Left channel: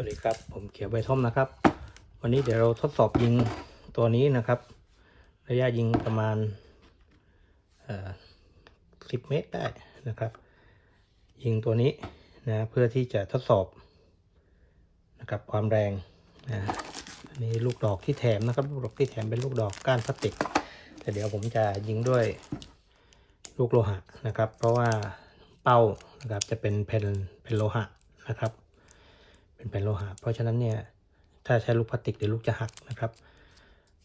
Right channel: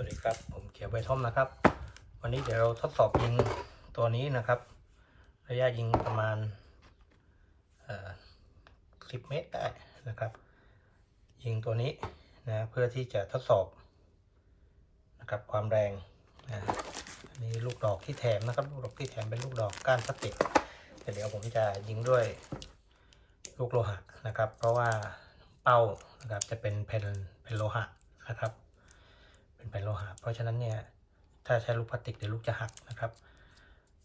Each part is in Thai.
สวัสดีครับ ผมเขียวใบท่อมนะครับ วันนี้เดี๋ยวเราทดสอบยิงตัวนี้นะครับ ระยะยิงประมาณเอ่อ10เมตรได้นะครับ ยิงตัวนี้นะเพื่อที่จะทดสอบนะครับความแรงนะอันนี้ลูกดอกที่แถมนะครับลูกดอกที่แถมเป็นลูกดอกก้านพลาสติกแต่เดี๋ยวผมจะยิงด้วยลูกโลหะนะครับ เพราะว่าเป้านะครับจะเป็นแผ่นเป็นโลหะนะครับ เป็นโลหะ เพราะฉะนั้นเนี่ยถ้าใช้ลูกพลาสติกเดี๋ยวลูกจะหักนะครับ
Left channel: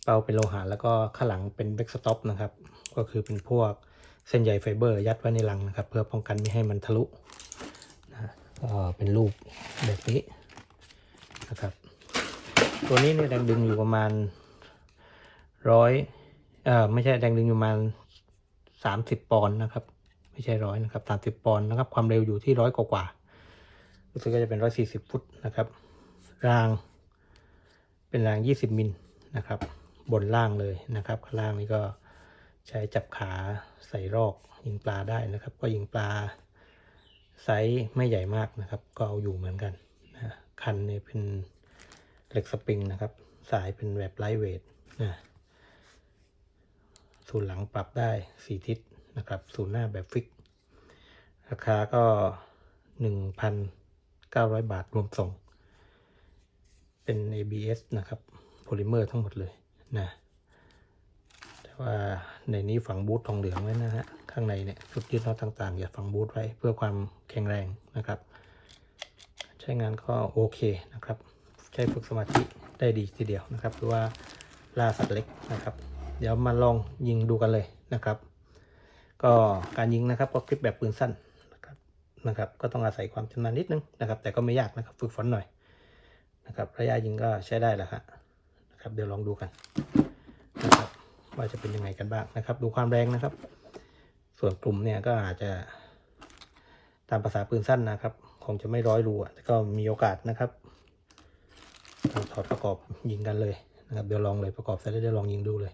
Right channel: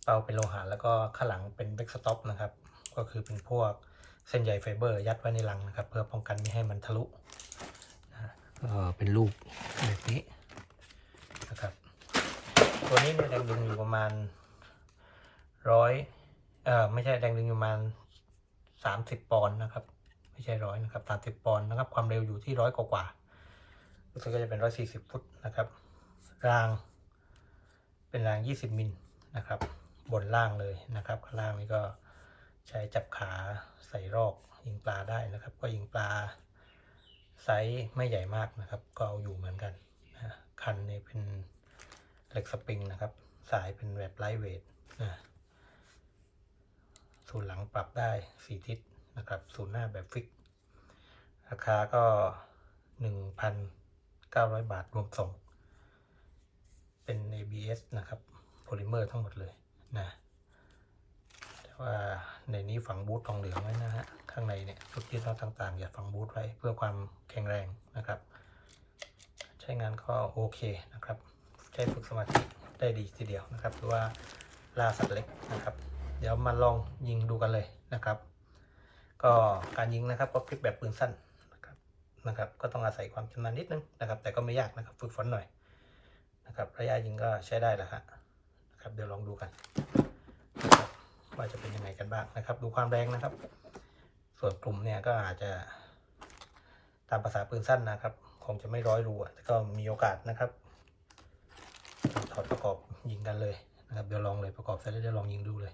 เป้าเป็นโลหะแล้วก็ข้างหลังเป็นแบ็กสต็อปนะครับ ก็คือเป็นพวกเส้นใยไฟเบอร์ยัดไว้ในรังนะครับ เพื่อป้องกันไม่ให้มันทะลุนะก็เป็นรูปแบบนี้นะครับตัวนี้เนี่ยแรงดึงอยู่ประมาณร้อยเอ่อไม่ใช่แรงดึงอยู่ประมาณสามสิบปอนด์นะครับ ไม่ใช่ร้อยนะครับสามสิบปอนด์นะครับ ความเร็วอยู่ที่ร้อยกว่า รู้สึกว่าจะเป็น140ฟุตนะครับ ราง เป็นราง20มิลนะครับ บนล่างเลยนะครับข้างล่างนี่ก็ใช้จับขาใส่รอกยิงปลาได้นะครับ ก็ยิงปลาไซส์ไม่ใหญ่มากนะครับ ก็เอาอยู่เหมือนกันนะคันนี่เป็นเหล็กสปริงนะครับ สายเป็นแบบไลท์เวทนะศูนหลังปรับได้4ทิศนะครับศูนหน้าแบบฟิก ราคาก็1นึ่ 900 บาทรวมส่ง เป็น ABS นะครับโพลิเมอร์ทั้งหมดเลยนะแต่ว่าในนี้ฝังบูททองเหลืองนั่นนะฮะข้างในเนี่ยทุกยึดน็อตต่างๆอย่าฝังบูทไว้เพื่อความแข็งแรงนะครับ ใช้งานก็โอเคนะครับใช้ฝึกสมาธิได้ดีทีเดียวนะครับหรือว่าลาสักเล็กนะครับ เดี๋ยวมาลองยิงดูกันเลยนะครับ ก็การยิงนะครับก็คลิปแบบปืนสั้น นะครับ ก็ต้องอาศัยความชำนาญนิดนึงนะครับ แต่ก็ไม่ยากนะครับ ฝึกฝนหน่อยนะครับ ระยะยิงก็ใช้ได้แหละครับนะครับ เดี๋ยวลองดูกันนะครับว่าจะเป็นยังไงกันบ้างนะครับ ดูความแรงนะครับ ส่วนกลุ่มเนี่ยก็อาจจะ ตามภาษาปืนสั้นนะครับ คงจะไม่ร้อยรูอะแต่ก็มีโอกาสนะครับถอดประกอบยิงกันเลยนะครับ เดี๋ยวลองเลยประกอบเสร็จแล้วเดี๋ยวลองยิงดูเลย